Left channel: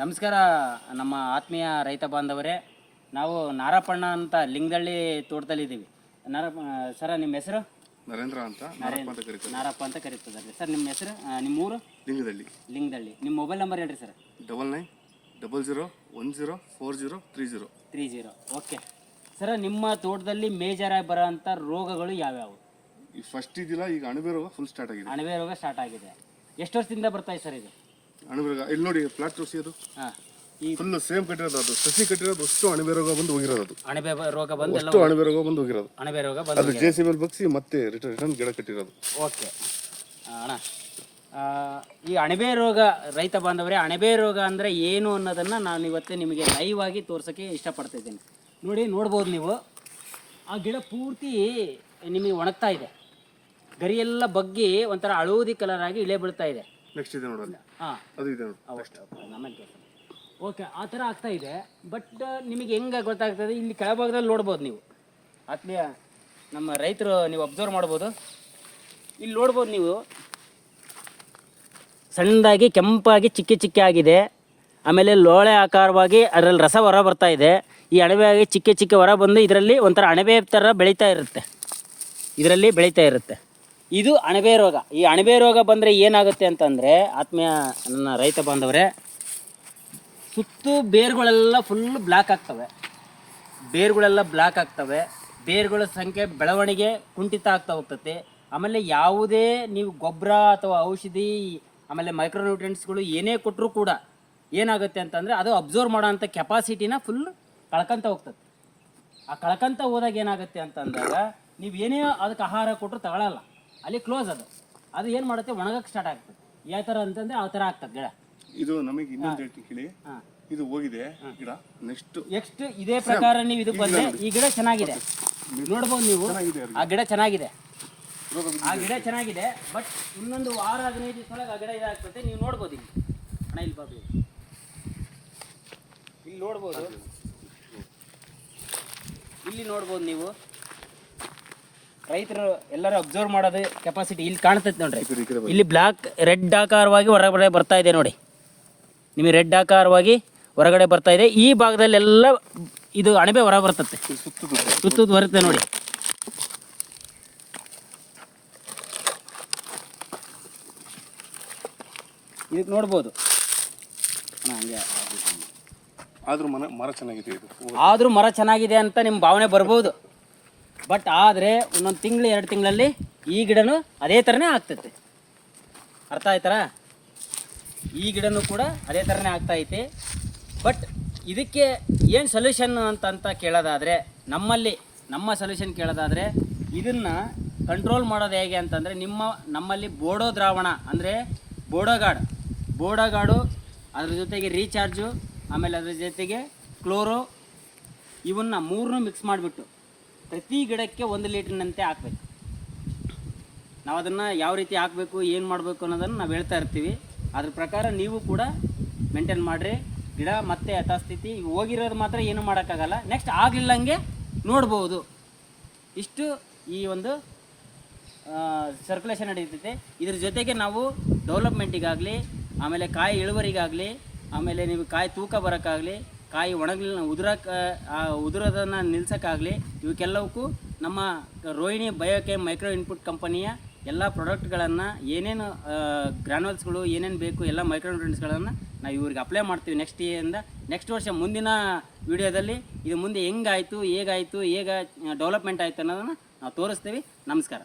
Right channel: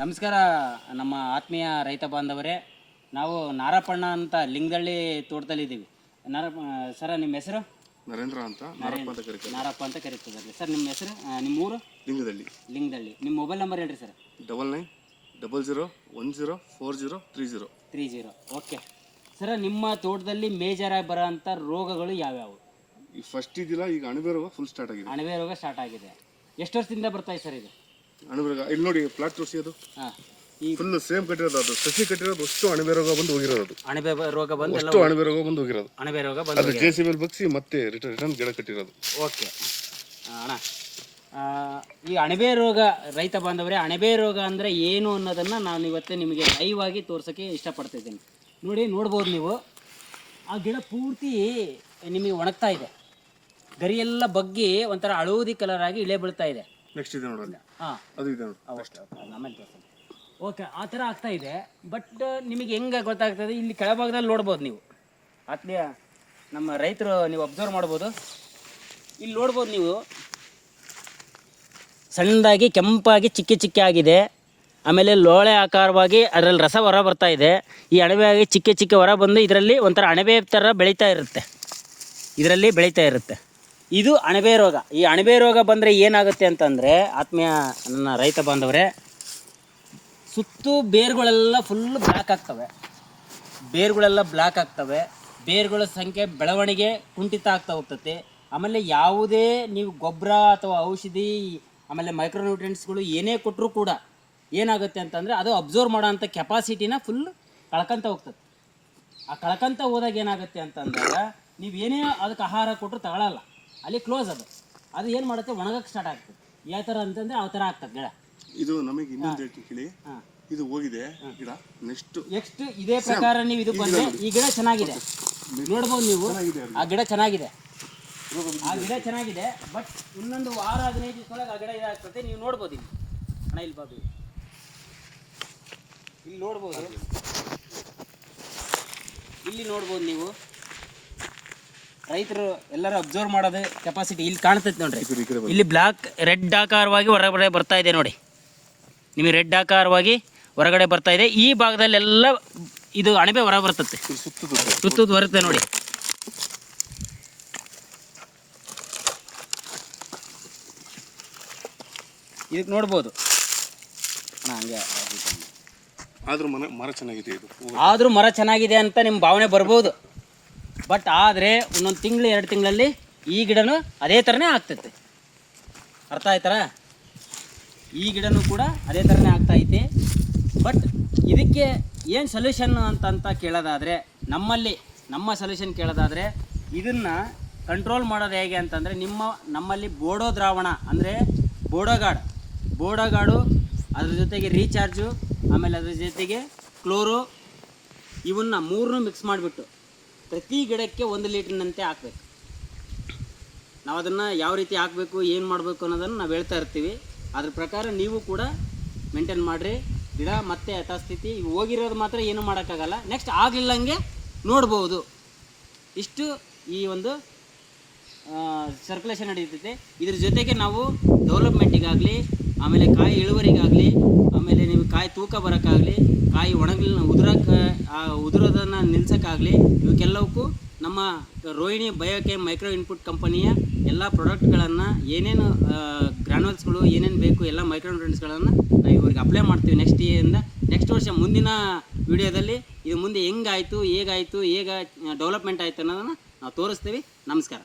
ನಮಸ್ಕಾರ ನಮ್ಮ ಆತ್ಮೀಯ ರೈತ ಬಾಂಧವರೇ. ನಾವು ನಾರಪ್ಪಣ್ಣ ಅಂತ ಲಿಂಗದಳ್ಳಿ ತೋಟದಲ್ಲಿದ್ದೀವಿ. ಸರ ನಿಮ್ಮ ಹೆಸರು? ನರೇಂದ್ರ ಅಂತ. ನಾರಪ್ಪ ಅಂತ ಕರೀತದೆ ಸರ್. ನಿಮ್ಮ ಹೆಸರು, ನಿಮ್ಮ ಊರು? ಲಿಂಗದಳ್ಳಿ. ನಿಮ್ಮ ಮೊಬೈಲ್ ನಂಬರ್ ಹೇಳ್ರಿ ಸರ್. 9900104030. ಓಕೆ ಸರ, ನಿಮ್ಮ ತೋಟದಲ್ಲಿ ಮೇಜರಾಗಿ ಬರೋ ಅಂಥ ರೋಗಗಳು ಯಾವ್ಯಾವು? ಈ ಫಸ್ಟ್ ಇದಿಲ್ಲ, ಈಗ ಅಣಬೆ ರೋಗ ಫುಲ್ ಸ್ಟಾರ್ಟ್ ಆಗಿದೆ. ಅಣಬೆ ರೋಗ ಸ್ಟಾರ್ಟ್ ಆಗಿದೆ. ಎಷ್ಟು ವರ್ಷದಿಂದ ಬರ್ತಾ ಇದೆ ಸರ್ ಇದು ಅಣಬೆ ರೋಗ? ಇಲ್ಲಿ ನೋಡಿ, ಪ್ಲಾಟ್ ತೋರಿಸಿ. ಅದು ಫುಲ್ ಸೇಮ್ ಕಟ್ಟಿರೋದು, ಅದು ಸಸಿ ಕಟ್ಟಿರೋದು ಅಷ್ಟು ಅಣಬೆ ರೋಗ ಬಂದು ಹೋಗಿರೋದು. ಅಣಬೆ ರೋಗ ಬಂದು ಅಷ್ಟು ಅಣಬೆ ರೋಗ ಬಂದು ಹೋಗಿರೋದು. ಅಣಬೆ ರೋಗ ಅದು JCB ಮೇಲೆ ಬಗ್ಸಿ ಮತ್ತೆ ರಿಟರ್ನ್ ಗಿಡ ಕಟ್ಟಿರೋದು. ಓಕೆ ಅಣ್ಣ, ಈ ಅಣಬೆ ರೋಗ ರೈತ ಬಾಂಧವರೇ, ಅಣಬೆ ರೋಗ ಅಂದರೆ ಏನು ಅನ್ನೋದನ್ನು ನಾನು ಇವತ್ತೇ ನಿಮಗೆ ಲೈವ್ ಆಗಿ ತೋರ್ಸೋಕ್ಕೆ ಇಷ್ಟಪಡ್ತಿದ್ದೀನಿ. ನೋಡ್ಬೋದು ನೀವು, ಆ ಗಿಡ ಪೂರ್ತಿ ನಿಮಗೆ ಒಣಗ್ತಾ ಇದೆ. ಗರಿಯೆಲ್ಲ ಬಗ್ಗಿ ಒಂಥರ ಹಳದಿ ಕಲರ್ ಆಗಿ ಇಳೆ ಬೀಳ್ತಾ ಇದೆ. ನೆಕ್ಸ್ಟ್ ಇದೆ ನೋಡೋಣ. ಅದು ಇದೆ ನೋಡಿ. ಓಕೆ, ಆ ಥರ ಆಗ್ತಾ ಇದೆ. ಬಟ್ ನಿಮಗೆ ಹೆಂಗೆ ಗೊತ್ತಾಗ್ತದೆ? ಇಲ್ಲಿ ಕೆಳಭಾಗದಲ್ಲಿ ನೋಡ್ಬೋದು ನೀವು, ಆತ್ಮೀಯ ನಮ್ಮ ರೈತರು, ನೀವು ಅಬ್ಸರ್ವ್ ಮಾಡ್ಬೋದು. ಇಲ್ಲಿ ನೋಡ್ಬೋದು ನೀವು, ಸಣ್ಣದಾಗಿ ಕೆಂಪಾಗಿ ಚಿಕ್ಕ ಆಗಿದೆ. ಆಮೇಲೆ ಲೋಳೆ ಆಕಾರವಾಗಿ ಅದರಲ್ಲಿ ರಸ ಹೊರ ಬರ್ತಾ ಇದೆ. ಈ ಅಣಬೆ ಆಗಿ ಚಿಕ್ಕ ಹೊರ ಬಂದು ಇದರಲ್ಲಿ ಒಂಥರ ಅಣಬೆ ಥರ ಬೆಳೀತಾ ಇರುತ್ತೆ. ಇದು ಅಣಬೆ ರೋಗ. ಈ ಅಣಬೆ ರೋಗ ಬಂದರೆ ಏನಾಗುತ್ತೆ ಅಂತಂದರೆ, ಆತ್ಮೀಯ ನನ್ನ ರೈತ ಬಾಂಧವರೇ, ಸುತ್ತು ಬೇರುಗಳೆಲ್ಲ ಫುಲ್ ಬ್ಲ್ಯಾಕ್ ಆಗ್ತವೆ. ಬೇರುಗಳ ಸಂಖ್ಯೆ, ಬೆಳವಣಿಗೆ ಕುಂಠಿತ ಆಗ್ತಾ ಹೋಗ್ತದೆ. ಆಮೇಲೆ ಯಾವುದೇ ನೀವು ಗೊಬ್ಬರ ಅಥವಾ ಔಷಧಿ, ಆಮೇಲೆ ಮೈಕ್ರೋನ್ಯೂಟ್ರಿಯೆಂಟ್ಸ್ಗಳು ಏನೇ ಕೊಟ್ಟರೂ ಕೂಡ ಏನಾಗುತ್ತೆ ಅಂತಂದರೆ, ಅದು ಅಬ್ಸರ್ವ್ ಮಾಡೋ ಅಂಥ ಕೆಪಾಸಿಟಿನ ಫುಲ್ ಕಳ್ಕೊಂತ ಹೋಗ್ತದೆ. ಆ ಕಳ್ಕೊಂತ ಹೋದಾಗ ಏನಾಗುತ್ತೆ ಅಂತಂದಾಗ, ನೀವು ಏನೇ ಅದಕ್ಕೆ ಆಹಾರ ಕೊಟ್ಟರು ತಗೊಳ್ಳಲ್ಲ, ಅಲ್ಲಿ ಕ್ಲೋಸ್. ಅದು ಏನು ಮಾಡುತ್ತೆ, ಒಣಗಕ್ಕೆ ಸ್ಟಾರ್ಟ್ ಆಗ್ತದೆ. ಯಾವ ಥರ ಅಂತಂದರೆ ಆ ಥರ ಆಗ್ತದೆ ಗಿಡ. ಇದು ನಮಗೆ ಇನ್ನೊಂದು ಹೇಳ್ತೀನಿ, ಇದು ಹೋಗಿದೆ ಗಿಡ. ನೆಕ್ಸ್ಟ್ ಇದೇ ಪ್ರಕಾರ ನೀವು ಇದಕ್ಕೆ ಬಂದರೆ, ಈ ಗಿಡ ಚೆನ್ನಾಗಿದೆ, ನೋಡ್ಬೋದು ನೀವು. ಆ ಗಿಡ ಚೆನ್ನಾಗಿದೆ. ಬಟ್ ಇನ್ನೊಂದು ವಾರ 15 ದಿವಸದೊಳಗೆ ಆ ಗಿಡ ಇದಾಗ್ತದೆ. ನೀವು ನೋಡ್ಬೋದು ಇಲ್ಲಿ. ಅಣ್ಣ ಇಲ್ಲಿ ಬಾಬು, ಇಲ್ಲಿ ನೋಡ್ಬೋದು ನೀವು. ರೈತರು ಎಲ್ಲರೂ ಅಬ್ಸರ್ವ್ ಮಾಡೋದು ಕೆಪಾಸಿಟಿ ಇಲ್ಲಿ ಕಾಣ್ತೈತೆ ನೋಡ್ರಿ. ಇಲ್ಲಿ ಬ್ಲ್ಯಾಕ್ ರೆಡ್ ಆಕಾರವಾಗಿ ಹೊರಗಡೆ ಬರ್ತಾ ಇದೆ ನೋಡಿ. ನಿಮಗೆ ರೆಡ್ ಆಕಾರವಾಗಿ ಹೊರಗಡೆ ಬರ್ತಾ ಇದೆ. ಈ ಭಾಗದಲ್ಲೆಲ್ಲ ಇದು ಅಣಬೆ ಹೊರ ಬರ್ತದೆ, ಸುತ್ತದ ಬರುತ್ತೆ ನೋಡಿ. ಇದಕ್ಕೆ ನೋಡ್ಬೋದು. ಹಂಗೆ ಆದರೂ ಮರ ಚೆನ್ನಾಗಿದೆ ಅಂತ ನಿಮ್ಮ ಭಾವನೆ ಬರ್ಬೋದು. ಬಟ್ ಆದರೆ ಒಂದೊಂದು ತಿಂಗಳು 2 ತಿಂಗಳಲ್ಲಿ ಈ ಗಿಡನೂ ಅದೇ ಥರನೇ ಆಗ್ತೈತೆ. ಅರ್ಥ ಆಯ್ತಾರ? ಈ ಗಿಡನೂ ಕೂಡ ಅದೇ ಥರನೇ ಆಗ್ತಾಯಿದೆ. ಬಟ್ ಇದಕ್ಕೆ ಏನು ಸೊಲ್ಯೂಷನ್ ಅಂತ ಕೇಳೋದಾದರೆ, ನಮ್ಮ ಸೊಲ್ಯೂಷನ್ ಕೇಳೋದಾದರೆ, ಇದನ್ನು ಕಂಟ್ರೋಲ್ ಮಾಡೋದು ಹೇಗೆ ಅಂತಂದರೆ, ನಮ್ಮಲ್ಲಿ ಬೋಡೋ ದ್ರಾವಣ ಅಂದರೆ ಬೋಡೋಗಾಡು, ಅದ್ರ ಜೊತೆಗೆ ರೀಚಾರ್ಜು, ಆಮೇಲೆ ಅದ್ರ ಜೊತೆಗೆ ಕ್ಲೋರೋ, ಇವನ್ನ 3 ಮಿಕ್ಸ್ ಮಾಡಿಬಿಟ್ಟು ಪ್ರತಿ ಗಿಡಕ್ಕೆ 1 ಲೀಟ್ರ್ನಂತೆ ಹಾಕಬೇಕು. ನಾವು ಅದನ್ನು ಯಾವ ರೀತಿ ಹಾಕಬೇಕು, ಏನು ಮಾಡಬೇಕು ಅನ್ನೋದನ್ನು ನಾವು ಹೇಳ್ತಾ ಇರ್ತೀವಿ. ಅದ್ರ ಪ್ರಕಾರ ನೀವು ಕೂಡ ಮೇಂಟೈನ್ ಮಾಡಿರಿ. ಗಿಡ ಮತ್ತೆ ಯಥಾಸ್ಥಿತಿ. ಹೋಗಿರೋದು ಮಾತ್ರ ಏನೂ ಮಾಡೋಕ್ಕಾಗಲ್ಲ, ನೆಕ್ಸ್ಟ್ ಆಗಲಿಲ್ಲಂಗೆ ನೋಡ್ಬೋದು. ಇಷ್ಟು ಈ ಒಂದು ಸರ್ಕ್ಯುಲೇಷನ್ ನಡೀತೈತೆ. ಇದ್ರ ಜೊತೆಗೆ ನಾವು ಡೆವಲಪ್ಮೆಂಟಿಗಾಗಲಿ, ಆಮೇಲೆ ಕಾಯಿ ಇಳುವರಿಗಾಗಲಿ, ಆಮೇಲೆ ನಿಮಗೆ ಕಾಯಿ ತೂಕ ಬರೋಕ್ಕಾಗಲಿ, ಕಾಯಿ ಉದುರೋದನ್ನು ನಿಲ್ಸೋಕ್ಕಾಗಲಿ, ಇವಕ್ಕೆಲ್ಲವಕ್ಕೂ ನಮ್ಮ ರೋಹಿಣಿ ಬಯೋಕೆಮ್ ಮೈಕ್ರೋ ಇನ್ಪುಟ್ ಕಂಪನಿಯ ಎಲ್ಲ ಪ್ರಾಡಕ್ಟ್ಗಳನ್ನು, ಏನೇನು ಗ್ರಾನ್ಯೂಲ್ಸ್ಗಳು ಏನೇನು ಬೇಕು, ಎಲ್ಲ ಮೈಕ್ರೋನ್ಯೂಟ್ರಿಯೆಂಟ್ಸ್ಗಳನ್ನು ನಾವು ಇವ್ರಿಗೆ ಅಪ್ಲೈ ಮಾಡ್ತೀವಿ. ನೆಕ್ಸ್ಟ್ ವರ್ಷ ಮುಂದಿನ ವಿಡಿಯೋದಲ್ಲಿ ಇದು ಮುಂದೆ ಹೇಗಾಯಿತು, ಹೇಗೆ ಡೆವಲಪ್ಮೆಂಟ್ ಆಯಿತು ಅನ್ನೋದನ್ನು ನಾವು ತೋರಿಸ್ತೀವಿ. ನಮಸ್ಕಾರ.